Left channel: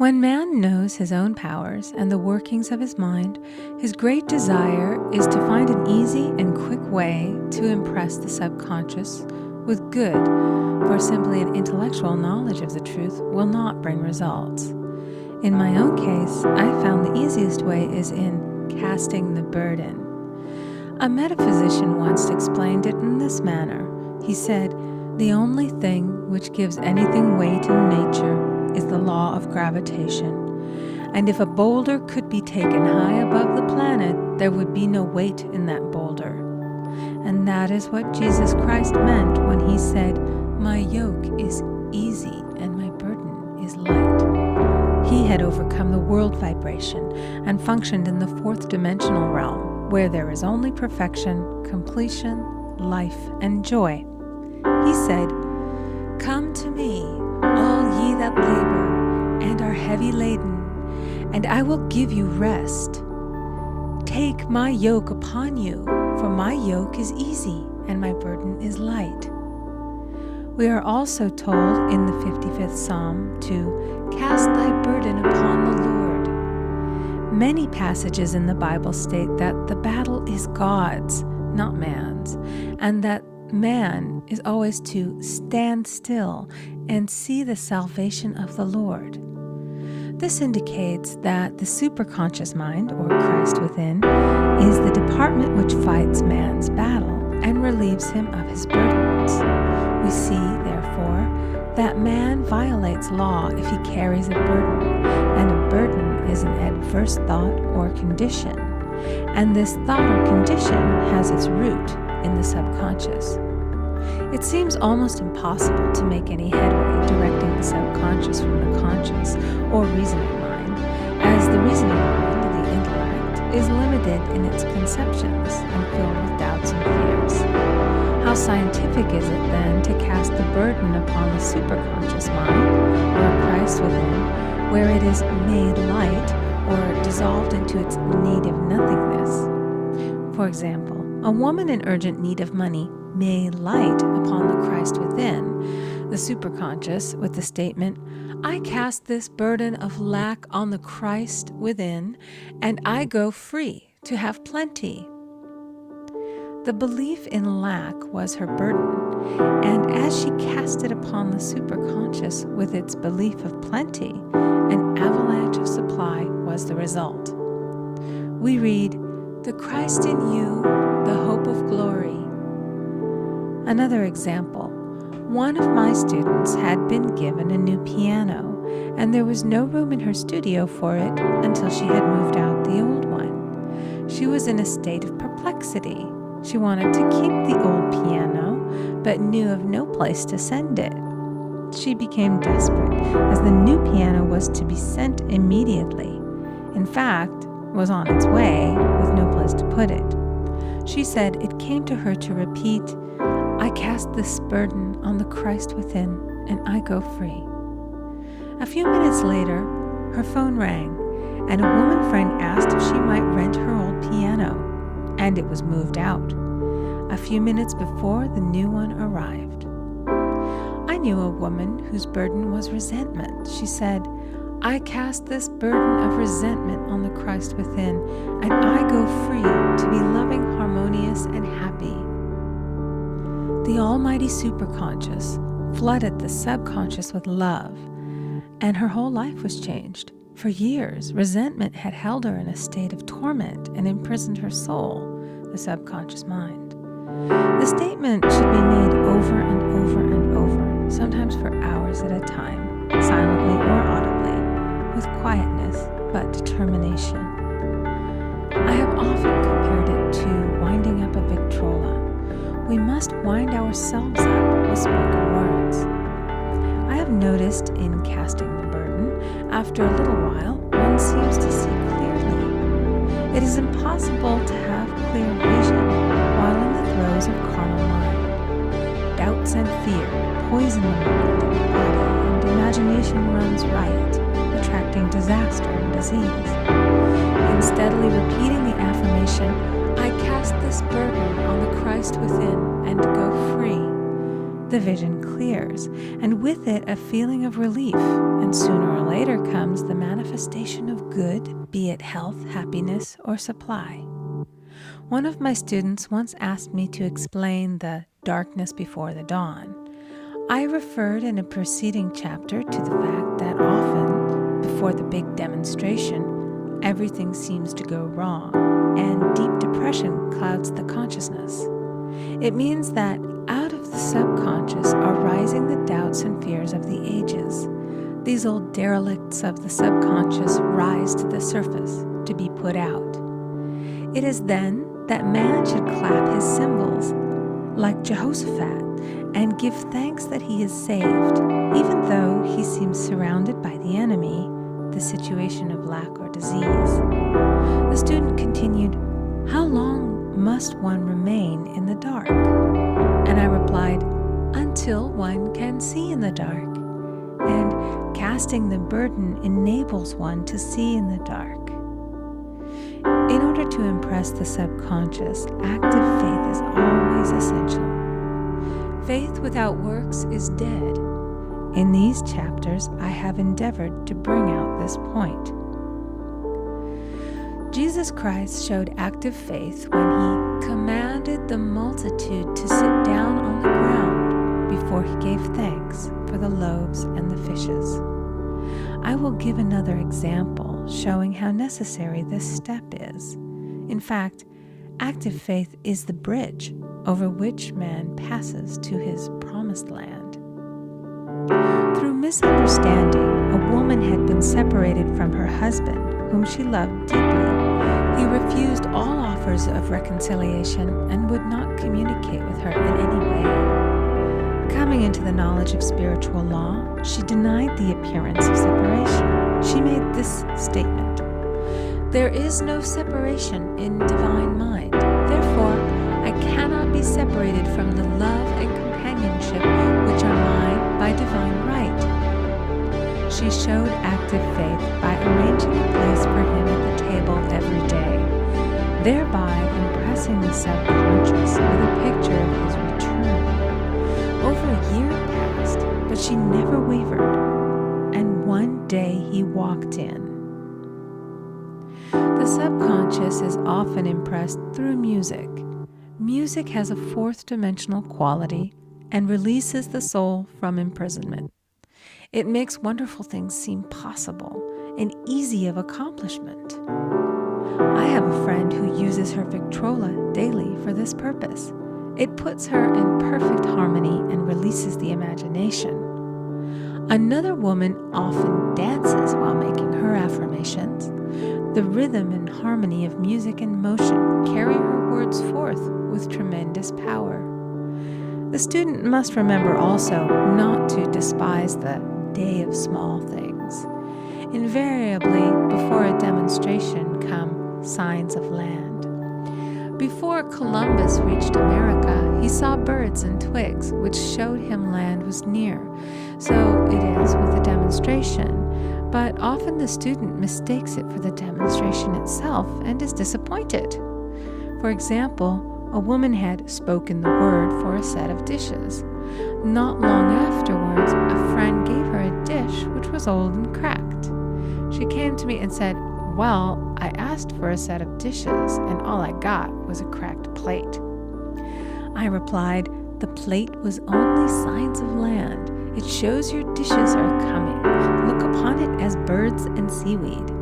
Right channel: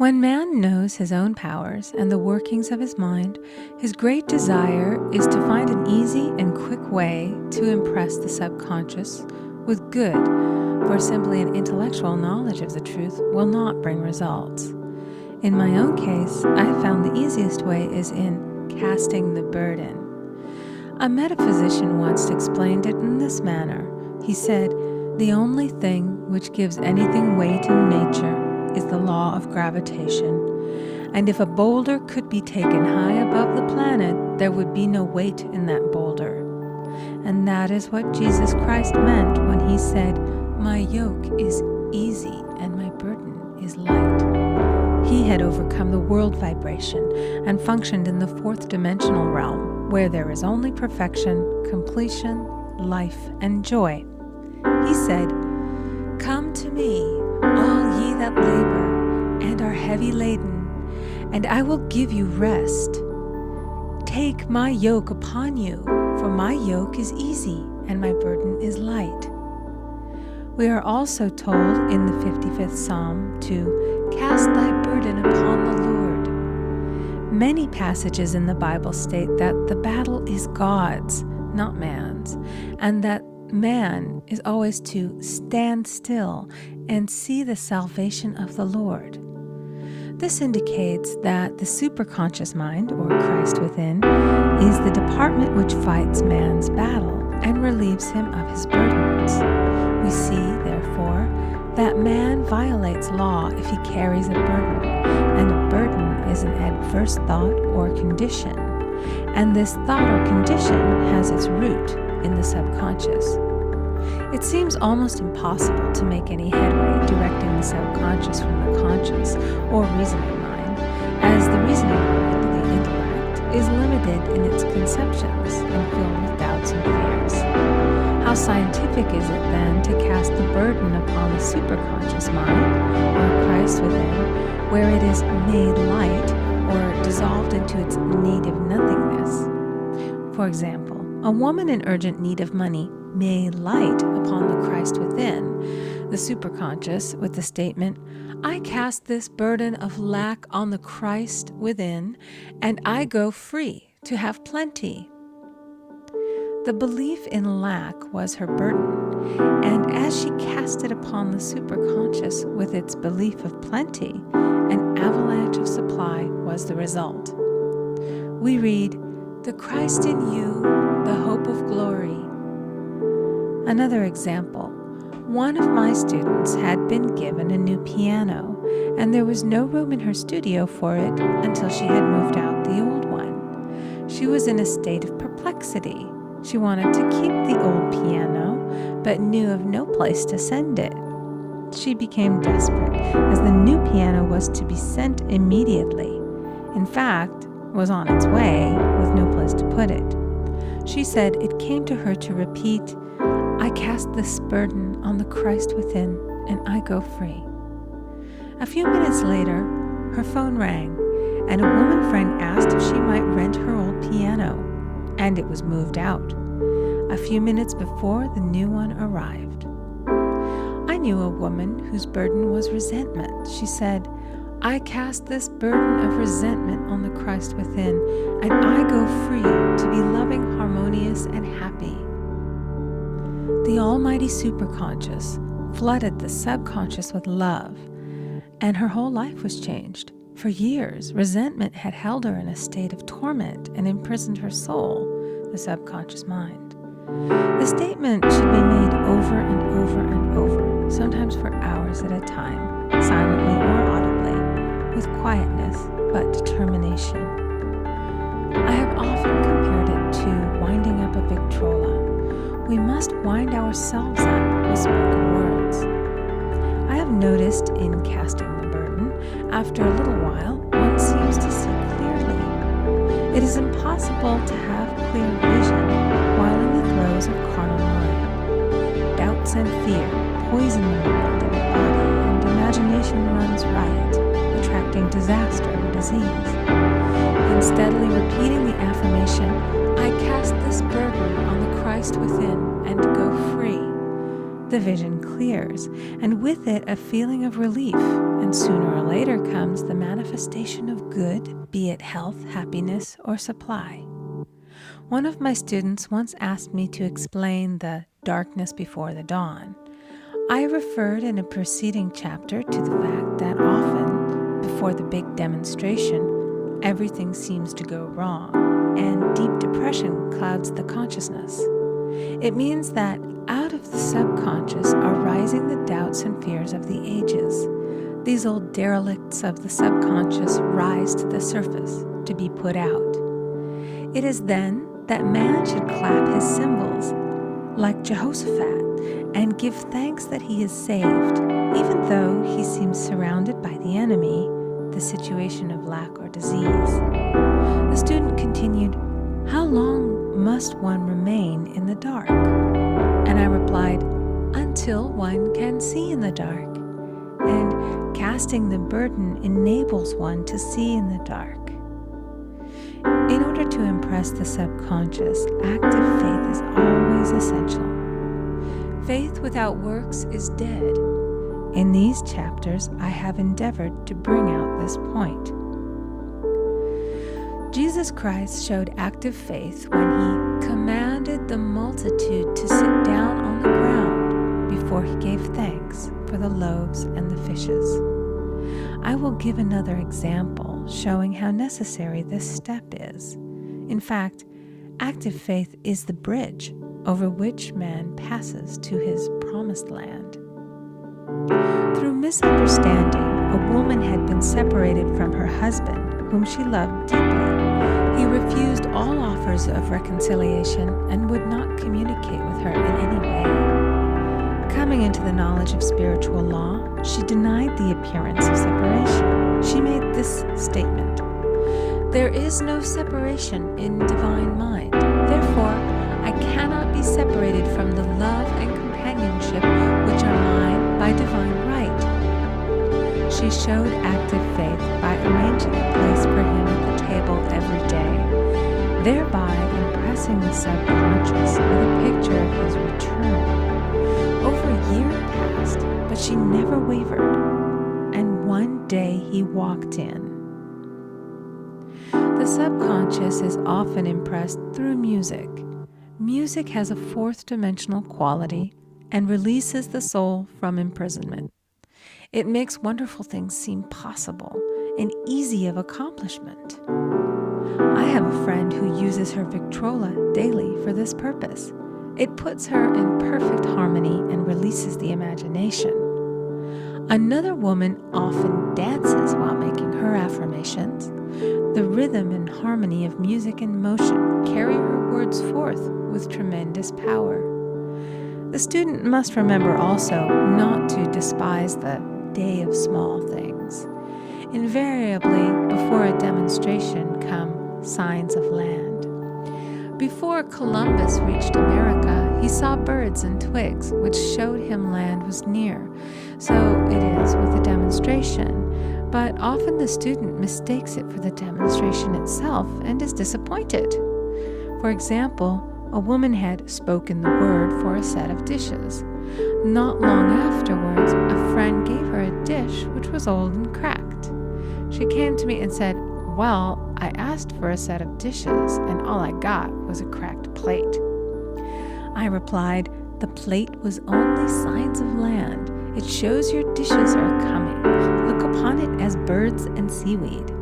When man knows his own powers and the workings of his mind, his great desire is to find an easy and quick way to impress the subconscious with good, for simply an intellectual knowledge of the truth will not bring results. In my own case, I found the easiest way is in casting the burden. A metaphysician once explained it in this manner. He said, "The only thing which gives anything weight in nature is the law of gravitation, and if a boulder could be taken high above the planet, there would be no weight in that boulder." And that is what Jesus Christ meant when he said, "My yoke is easy and my burden is light." He had overcome the world vibration and functioned in the fourth dimensional realm, where there is only perfection, completion, life, and joy. He said, "Come to me, all ye that labor and are heavy laden, and I will give you rest. Take my yoke upon you, for my yoke is easy and my burden is light." We are also told in the 55th Psalm to cast thy burden upon the Lord. Many passages in the Bible state that the battle is God's, not man's, and that man is always to stand still and see the salvation of the Lord. This indicates that the superconscious mind, or Christ within, is the department which fights man's battle and relieves him of his burdens. We see, therefore, that man violates law if he carries a burden, and a burden is an adverse thought or condition, and this thought or condition has its root in the subconscious. It seems almost impossible to make any headway directing the subconscious from the conscious or reasoning mind, as the reasoning mind, the intellect, is limited in its conceptions and filled with doubts and fears. How scientific is it then to cast the burden upon the superconscious mind, or Christ within, where it is made light or dissolved into its need of nothingness? For example, a woman in urgent need of money may light upon the Christ within, the superconscious, with the statement, "I cast this burden of lack on the Christ within, and I go free to have plenty." The belief in lack was her burden, and as she cast it upon the superconscious with its belief of plenty, an avalanche of supply was the result. We read, "The Christ in you, the hope of glory." Another example, one of my students had been given a new piano, and there was no room in her studio for it until she had moved out the old one. She was in a state of perplexity. She wanted to keep the old piano, but knew of no place to send it. She became desperate, as the new piano was to be sent immediately. In fact, was on its way, with no place to put it. She said it came to her to repeat, "I cast this burden on the Christ within, and I go free." A few minutes later, her phone rang, and a woman friend asked if she might rent her old piano, and it was moved out. A few minutes before, the new one arrived. I knew a woman whose burden was resentment. She said, "I cast this burden of resentment on the Christ within, and I go free to be loving, harmonious, and happy." The almighty superconscious flooded the subconscious with love, and her whole life was changed. For years, resentment had held her in a state of torment and imprisoned her soul, the subconscious mind. The statement should be made over and over and over, sometimes for hours at a time, silently or audibly, with quietness but determination. I have often compared it to winding up a Victrola. We must wind ourselves up with spoken words. I have noticed in casting the burden, after a little while, one seems to see clearly. It is impossible to have clear vision while in the throes of carnal mind. Doubts and fear poison the mind and the body, and imagination runs riot, attracting disaster and disease. In steadily repeating the affirmation, "I cast this burden on the Christ within and go free," the vision clears, and with it a feeling of relief and sooner or later comes the manifestation of good, be it health, happiness, or supply. One of my students once asked me to explain the darkness before the dawn. I referred in a preceding chapter to the fact that often, before the big demonstration, everything seems to go wrong, and deep depression clouds the consciousness. It means that out of the subconscious are rising the doubts and fears of the ages. These old derelicts of the subconscious rise to the surface to be put out. It is then that man should clap his cymbals, like Jehoshaphat, and give thanks that he is saved, even though he seems surrounded by the enemy, the situation of lack or disease. The student continued, "How long must one remain in the dark?" And I replied, "Until one can see in the dark. And casting the burden enables one to see in the dark." In order to impress the subconscious, active faith is always essential. Faith without works is dead. In these chapters, I have endeavored to bring out this point. Jesus Christ showed active faith when he commanded the multitude to sit down on the ground before he gave thanks for the loaves and the fishes. I will give another example showing how necessary this step is. In fact, active faith is the bridge over which man passes to his promised land. Through misunderstanding, a woman had been separated from her husband, whom she loved deeply. He refused all offers of reconciliation and would not communicate with her in any way. Coming into the knowledge of spiritual law, she denied the appearance of separation. She made this statement: "There is no separation in divine mind. Therefore, I cannot be separated from the love and companionship which are mine by divine right." She showed active faith by arranging a place for him at the table every day, thereby impressing the subconscious with a picture of his return. Over a year passed, but she never wavered, and one day he walked in. The subconscious is often impressed through music. Music has a fourth-dimensional quality and releases the soul from imprisonment. It makes wonderful things seem possible and easy of accomplishment. I have a friend who uses her Victrola daily for this purpose. It puts her in perfect harmony and releases the imagination. Another woman often dances while making her affirmations. The rhythm and harmony of music and motion carry her words forth with tremendous power. The student must remember also not to despise the day of small things. Invariably, before a demonstration come signs of land. Before Columbus reached America, he saw birds and twigs, which showed him land was near. So it is with a demonstration, but often the student mistakes it for the demonstration itself and is disappointed. For example, a woman had spoken the word for a set of dishes. Not long afterwards, a friend gave her a dish which was old and cracked. She came to me and said, "Well, I asked for a set of dishes, and all I got was a cracked plate." I replied, "The plate was only signs of land. It shows your dishes are coming. Look upon it as birds and seaweed."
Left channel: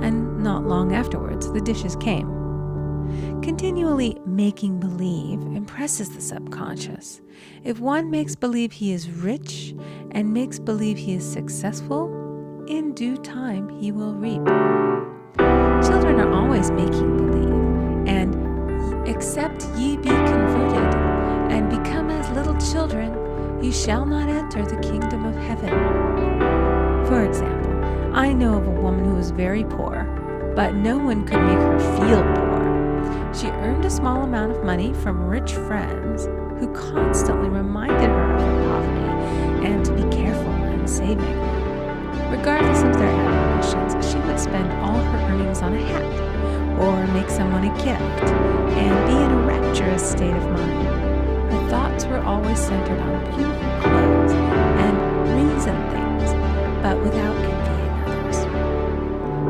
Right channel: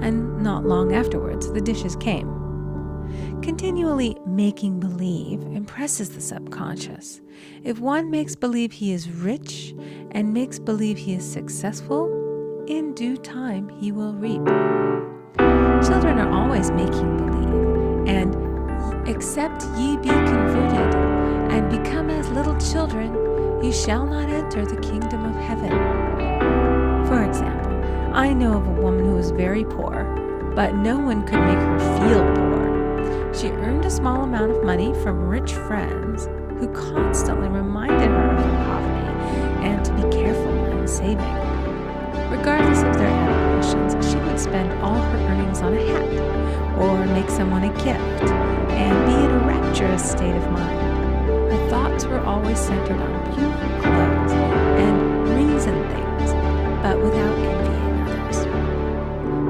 And not long afterwards, the dishes came. Continually making believe impresses the subconscious. If one makes believe he is rich and makes believe he is successful, in due time he will reap. Children are always making believe, and except ye be converted and become as little children, you shall not enter the kingdom of heaven. For example, I know of a woman who was very poor, but no one could make her feel poor. She earned a small amount of money from rich friends who constantly reminded her of her poverty and to be careful in saving. Regardless of their admonitions, she would spend all her earnings on a hat or make someone a gift and be in a rapturous state of mind. Her thoughts were always centered on beautiful clothes and rings and things, but without envying others.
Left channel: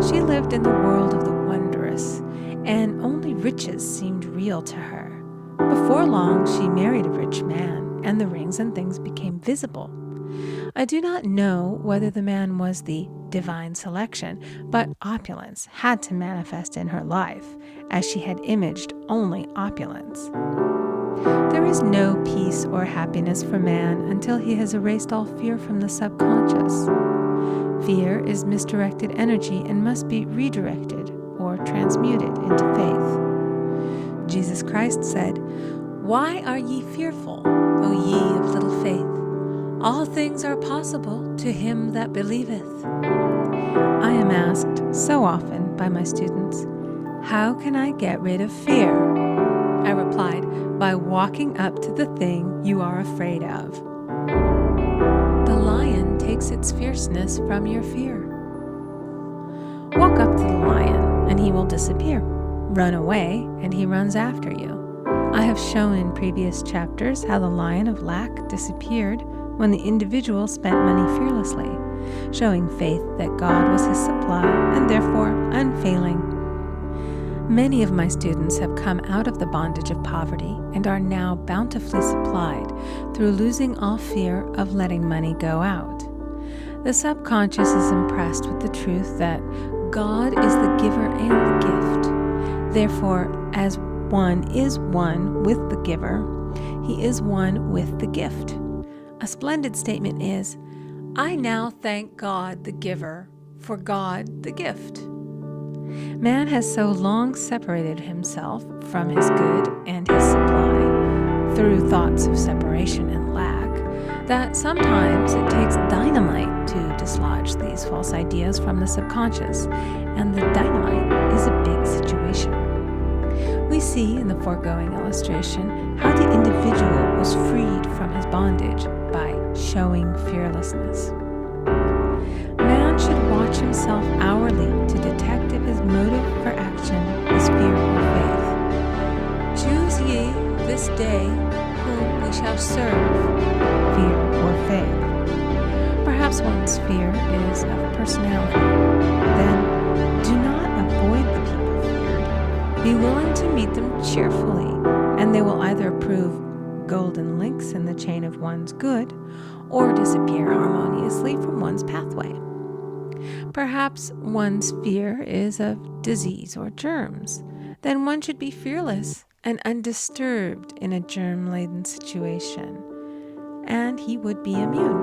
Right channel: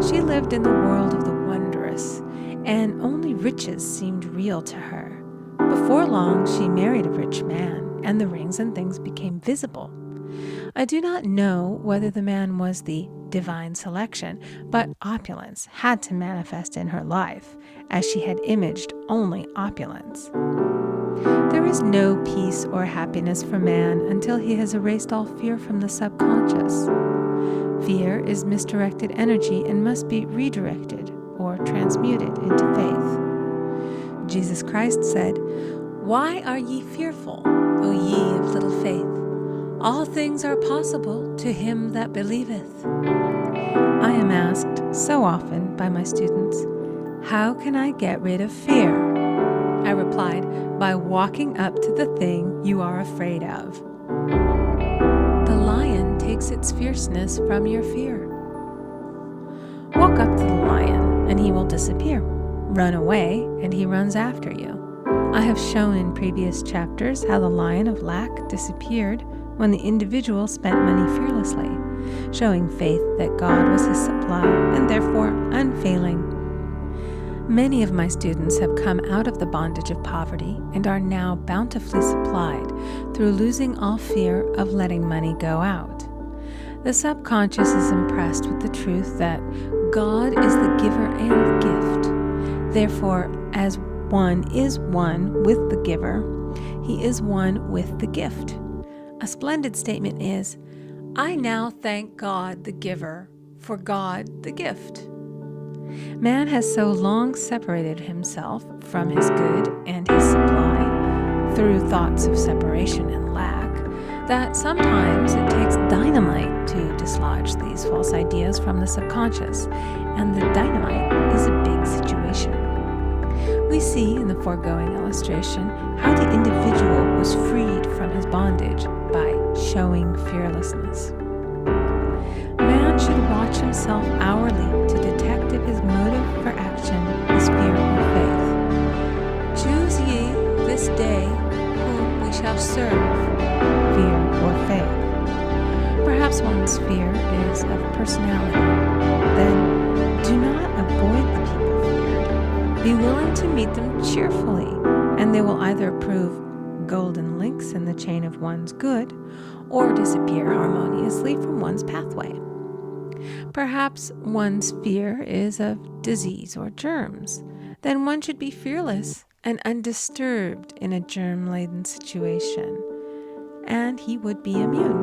She lived in the world of the wondrous, and only riches seemed real to her. Before long, she married a rich man, and the rings and things became visible. I do not know whether the man was the divine selection, but opulence had to manifest in her life, as she had imaged only opulence. There is no peace or happiness for man until he has erased all fear from the subconscious. Fear is misdirected energy and must be redirected or transmuted into faith. Jesus Christ said, "Why are ye fearful, O ye of little faith? All things are possible to him that believeth." I am asked so often by my students, "How can I get rid of fear?" I replied, "By walking up to the thing you are afraid of." The lion takes its fierceness from your fear. Walk up to the lion, and he will disappear. Run away, and he runs after you. I have shown in previous chapters how the lion of lack disappeared when the individual spent money fearlessly, showing faith that God was his supply and therefore unfailing. Many of my students have come out of the bondage of poverty and are now bountifully supplied through losing all fear of letting money go out. The subconscious is impressed with the truth that God is the giver and the gift. Therefore, as one is one with the giver, he is one with the gift. A splendid statement is, "I now thank God the giver for God the gift." Man has so long separated himself from his good and his supply through thoughts of separation and lack that sometimes it takes dynamite to dislodge these false ideas from the subconscious, and the dynamite is a big situation. We see in the foregoing illustration how the individual was freed from his bondage by showing fearlessness. Man should watch himself hourly to detect if his motive for action is fear or faith. "Choose ye this day whom we shall serve," fear or faith. Perhaps one's fear is of personality. Then do not avoid the people feared. Be willing to meet them cheerfully, and they will either prove golden links in the chain of one's good or disappear harmoniously from one's pathway. Perhaps one's fear is of disease or germs. Then one should be fearless and undisturbed in a germ-laden situation, and he would be immune.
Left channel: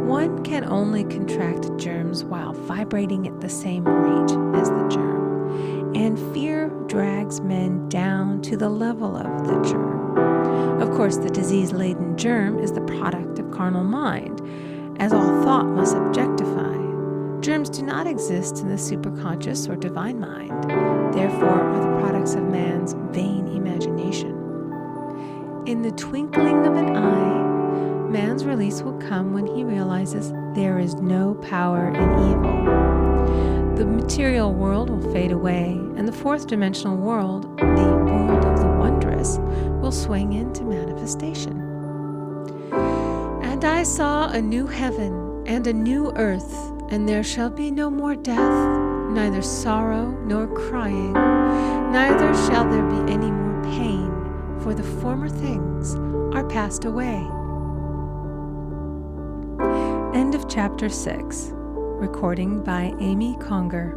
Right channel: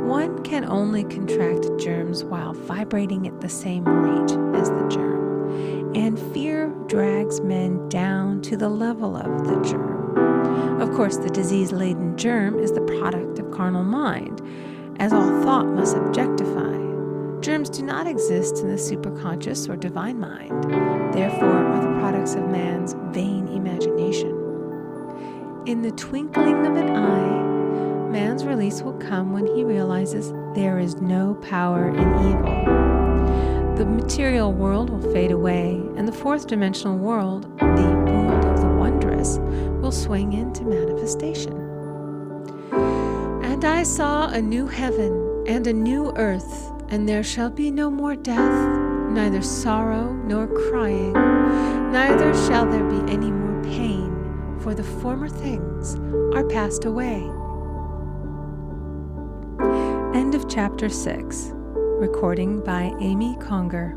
One can only contract germs while vibrating at the same rate as the germ, and fear drags men down to the level of the germ. Of course, the disease-laden germ is the product of carnal mind, as all thought must objectify. Germs do not exist in the superconscious or divine mind, therefore are the products of man's vain imagination. In the twinkling of an eye, man's release will come when he realizes there is no power in evil. The material world will fade away, and the fourth dimensional world, the world of the wondrous, will swing into manifestation. "And I saw a new heaven and a new earth, and there shall be no more death, neither sorrow nor crying, neither shall there be any more pain, for the former things are passed away." End of chapter 6. Recording by Amy Conger.